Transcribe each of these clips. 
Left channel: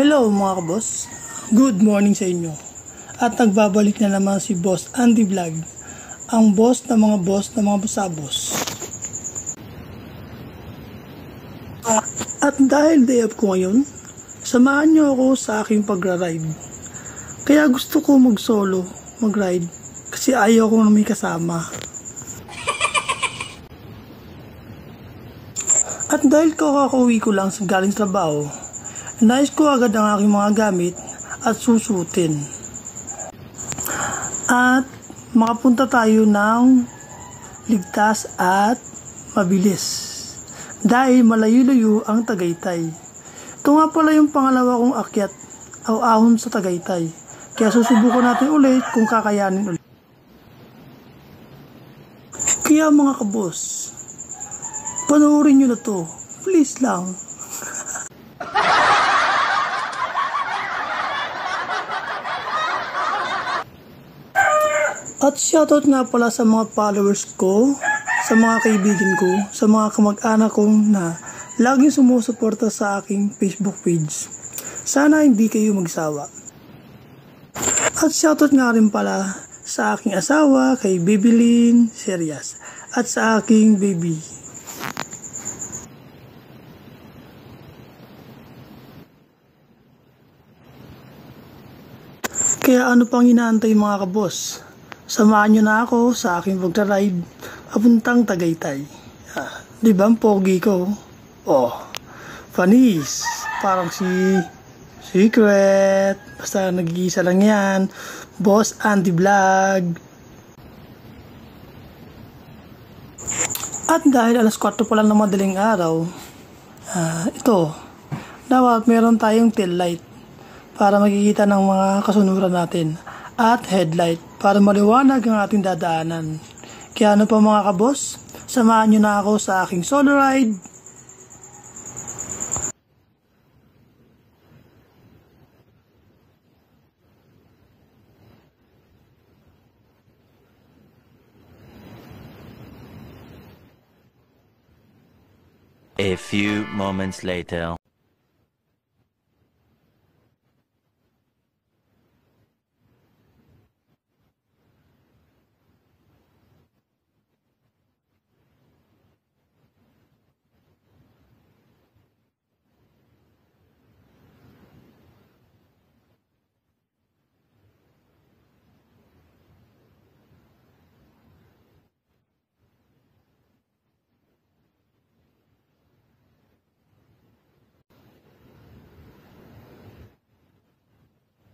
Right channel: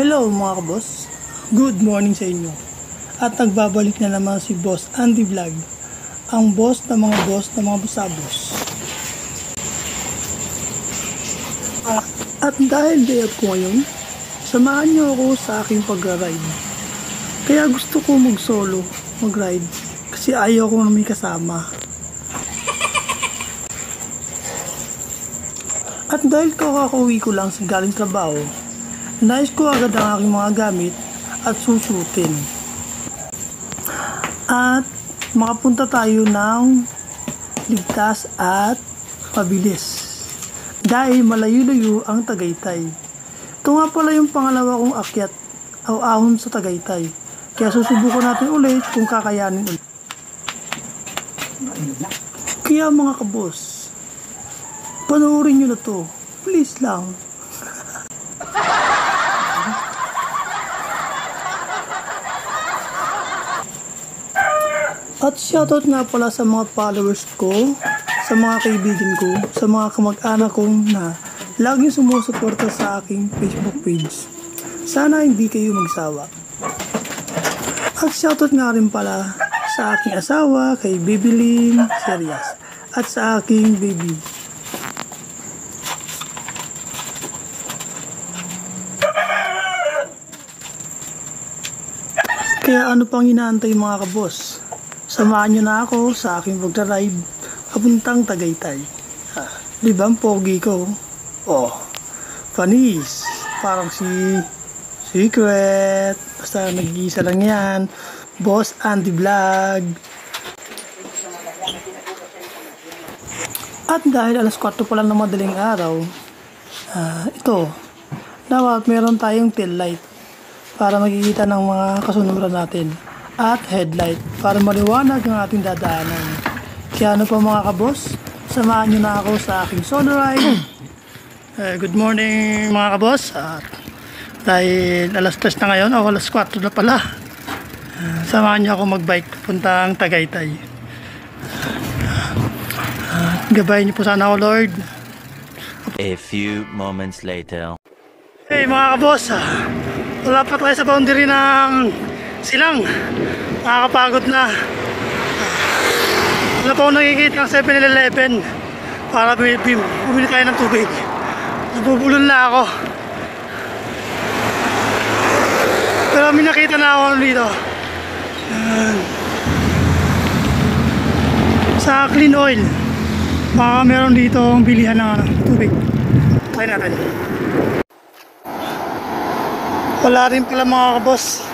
Hello mga kaboss, good morning sa inyo. At nagbabalik na naman si Boss Andy Vlog, ang boss ng mga busabos. At dahil day off ko ngayon, samahan niyo ako sa aking pagra-ride. Kaya gusto ko mag-solo, mag-ride, kasi ayaw ko na may kasama. At dahil kakauwi ko lang sa galing trabaho, nais ko agad ang aking mga gamit at susutin. At makapunta tayo ng ligtas at mabilis. Dahil malayo-layo ang Tagaytay. Ito nga pala yung pangalawa kong akyat o ahon sa Tagaytay. Kaya susubukan natin ulit kung kakayanin ulit. Kaya mga kaboss, panoorin nyo na to. Please lang. At shoutout nga pala sa mga followers ko, sa mga kaibigan ko, sa mga kamag-anak kong na laging sumusuporta sa aking Facebook page. Sana hindi kayo magsawa. At shoutout nga rin pala sa aking asawa, kay Baby Lynn Serias, at sa aking baby. Kaya ano pang inaantay mga kaboss? Samahan nyo na ako sa aking pagka-ride papuntang Tagaytay. Di ba ang pogi ko? Oh, panis. Parang si Secret. Basta nag-iisa lang yan. Boss Andy Vlog. At dahil alas 4 pa lang ng madaling araw, ito, dapat meron tayong tail light para makikita ng mga kasunuran natin. At headlight para maliwanag ang ating dadaanan. Kaya ano pa mga kaboss, samahan nyo na ako sa aking solo ride. Good morning mga kaboss. Dahil alas 3 na ngayon o alas 4 na pala, samahan nyo ako magbike puntang Tagaytay. Gabayan nyo po sana ako, Lord. A few moments later. Hey mga kaboss, wala pa tayo sa boundary ng Silang. Nakakapagod na. Wala pa akong nakikita ng 7-Eleven para bumili tayo ng tubig. Nabubulol na ako. Pero may nakita na ako dito. Sa Clean Oil, baka meron dito ang bilihan ng tubig. Try natin. Wala rin pala mga kaboss.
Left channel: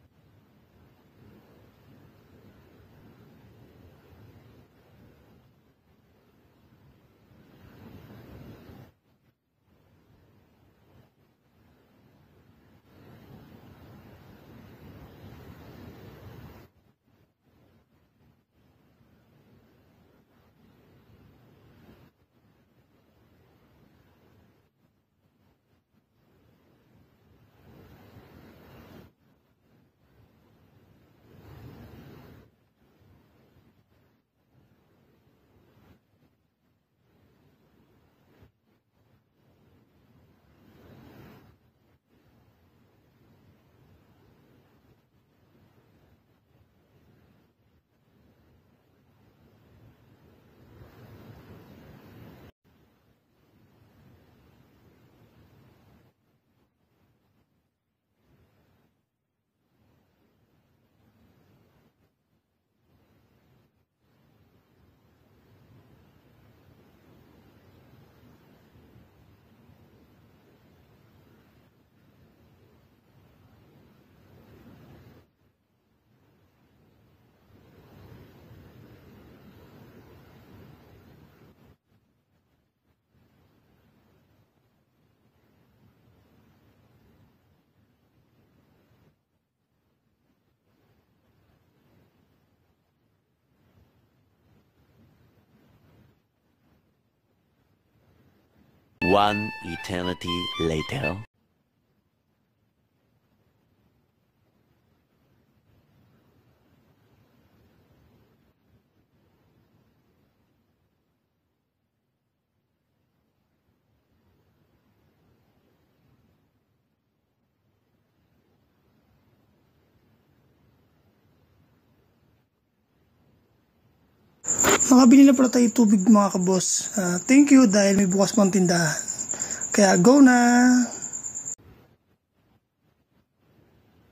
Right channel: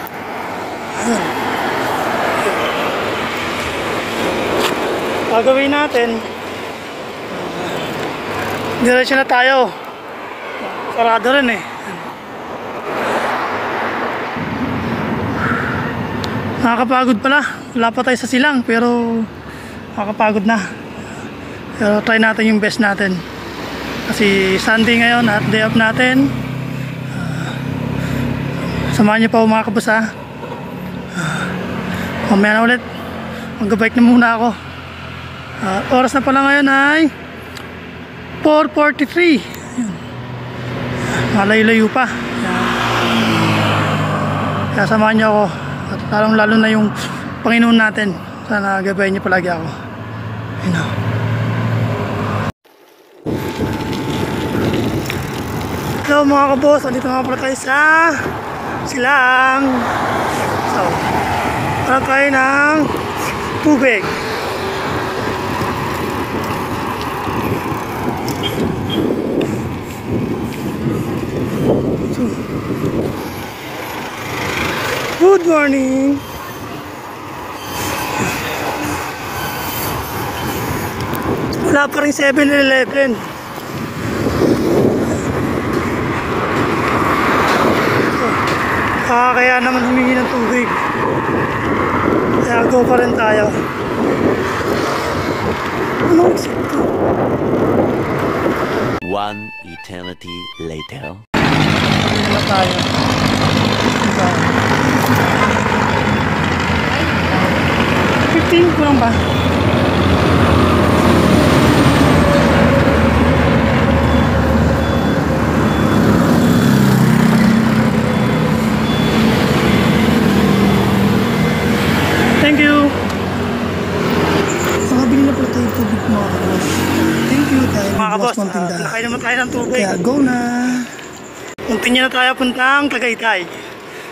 Gagawin natin, diretso na tayo. Sarado rin eh. Nakakapagod pala. Wala pa tayo sa silang pero nakakapagod na. Pero try natin yung best natin kasi Sunday ngayon at day off natin. Samahan niyo pa mga kabos ha. Mamaya na ulit, mag-bike na muna ako. Oras na pala ngayon ay 4:43. Malayo-layo pa. Kaya samahan niyo ako. At lalong-lalo na yung Panginoon natin. Sana gabayan niyo palagi ako. Hello mga kaboss, andito nga pala tayo sa Silang. So, para tayo ng tubig. Good morning. Wala pa rin 7-Eleven. Kaya naman humingi ng tubig. Kaya go pa rin tayo. One eternity later. Hindi tayo. 15 ko lang ba? tayong tubig mga kabos. Thank you dahil may bukas pang tindahan. Kaya go na! Continue na tayo puntang Tagaytay.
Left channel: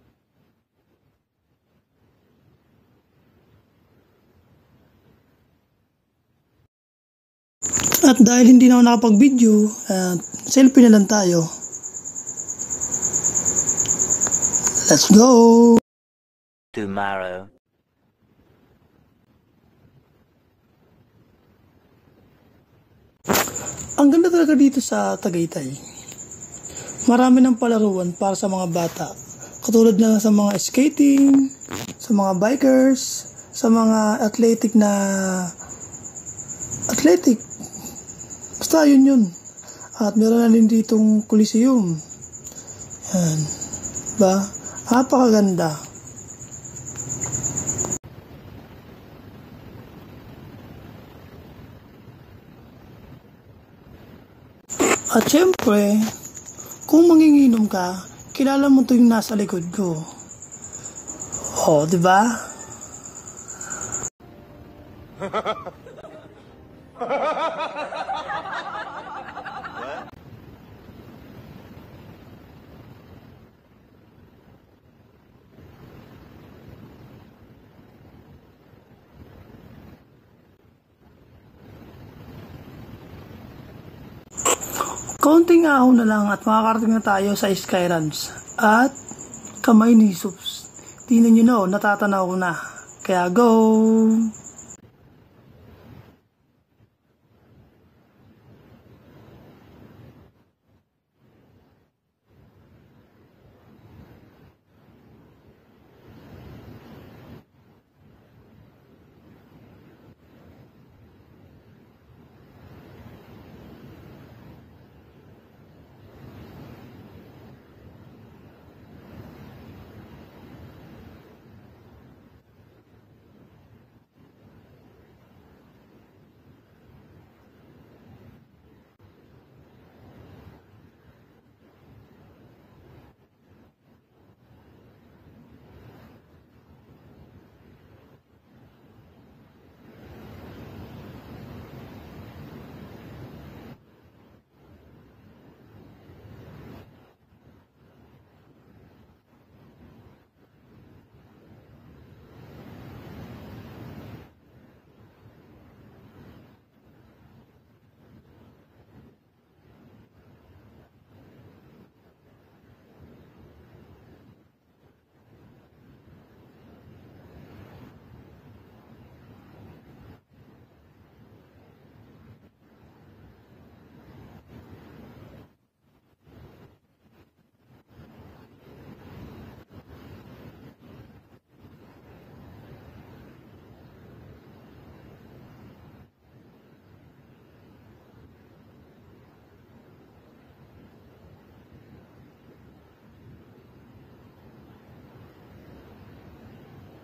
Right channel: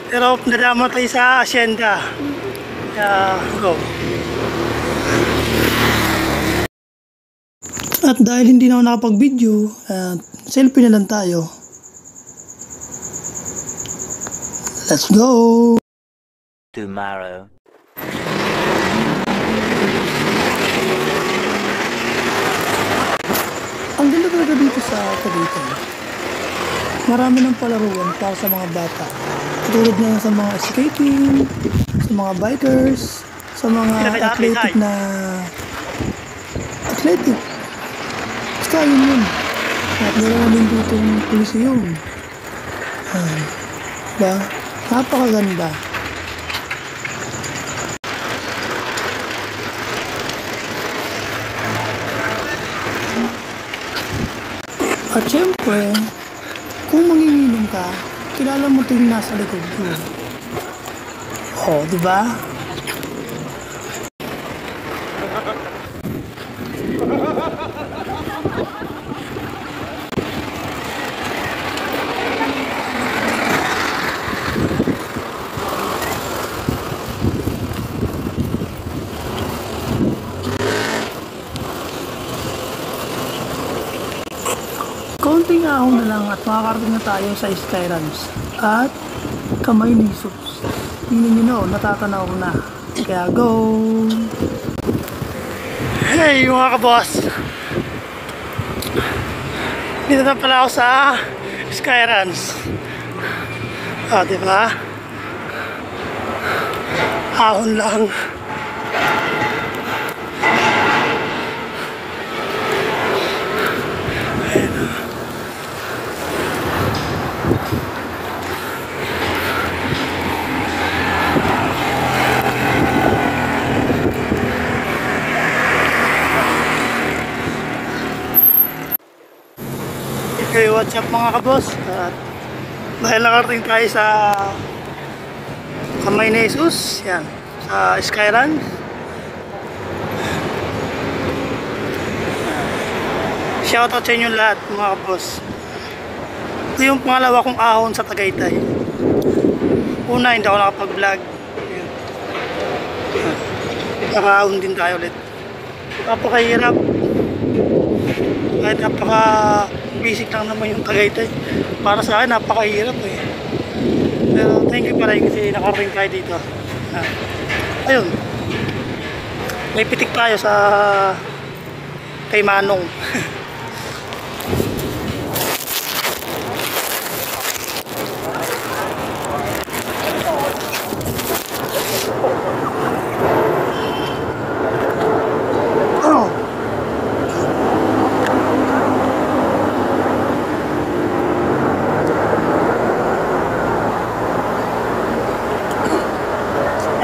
Pero nadama tayo sa Hacienda. Kaya go. At dahil hindi na ako nakapag-video, selfie na lang tayo. Let's go! Tomorrow. Ang ganda talaga dito sa Tagaytay. Marami ng palaruan para sa mga bata. Katulad na sa mga skating, sa mga bikers, sa mga athletic. Basta yun. At meron na din ditong Coliseum. Diba? Napakaganda. At syempre, kung manginginom ka, kilala mo ito yung nasa likod ko. Oh, di ba? Konting ahon na lang at makakarating na tayo sa Skylands at Kamay ni Jesus. Tingnan nyo na, natatanaw ko na. Kaya go! Hey mga kaboss! Dito na pala ako sa Skylands. Diba? Ahon lang. Okay, what's up mga kabos? At dahil nakarating tayo sa Kamay ni Jesus, yan, sa Skylands. Shoutout sa inyo lahat mga kabos. Ito yung pangalawa kong ahon sa Tagaytay. Una, hindi ako nakapag-vlog. Nakaahon din tayo ulit. Napakahirap. Kahit basic lang naman yung Tagaytay. Para sa akin, napakahirap eh. Pero thank you pa rin kasi nakarating tayo dito. Ayun. May pitik tayo sa kay Manong.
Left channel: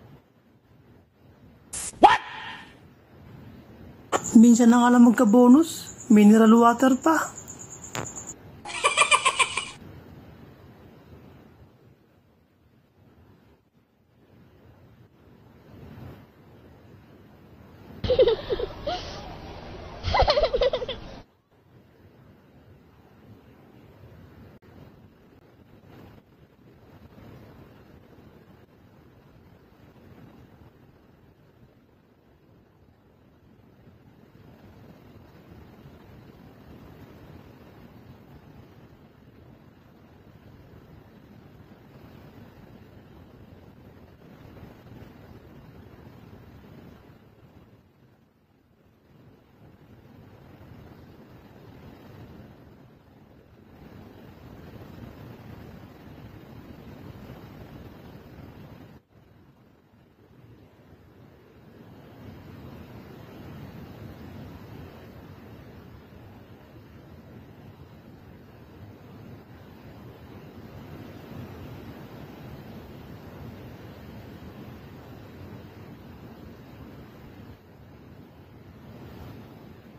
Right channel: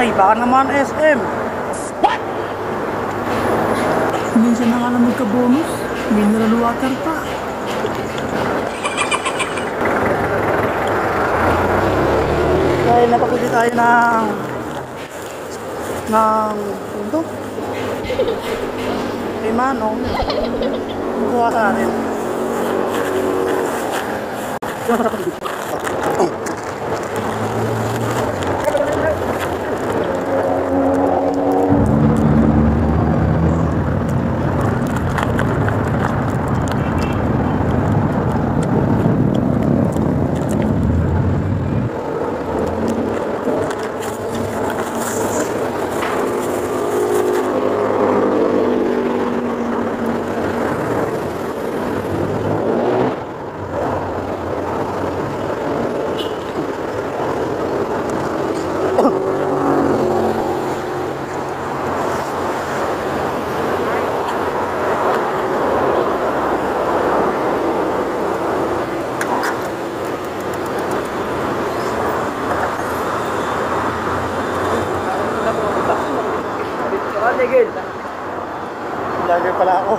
Ay, baka naman SM. What? Minsan na nga lang magka-bonus. Mineral water pa. Dahil napapili tayo ng ito? Kay Manong. Kuha sa atin. Vlogger pala ako.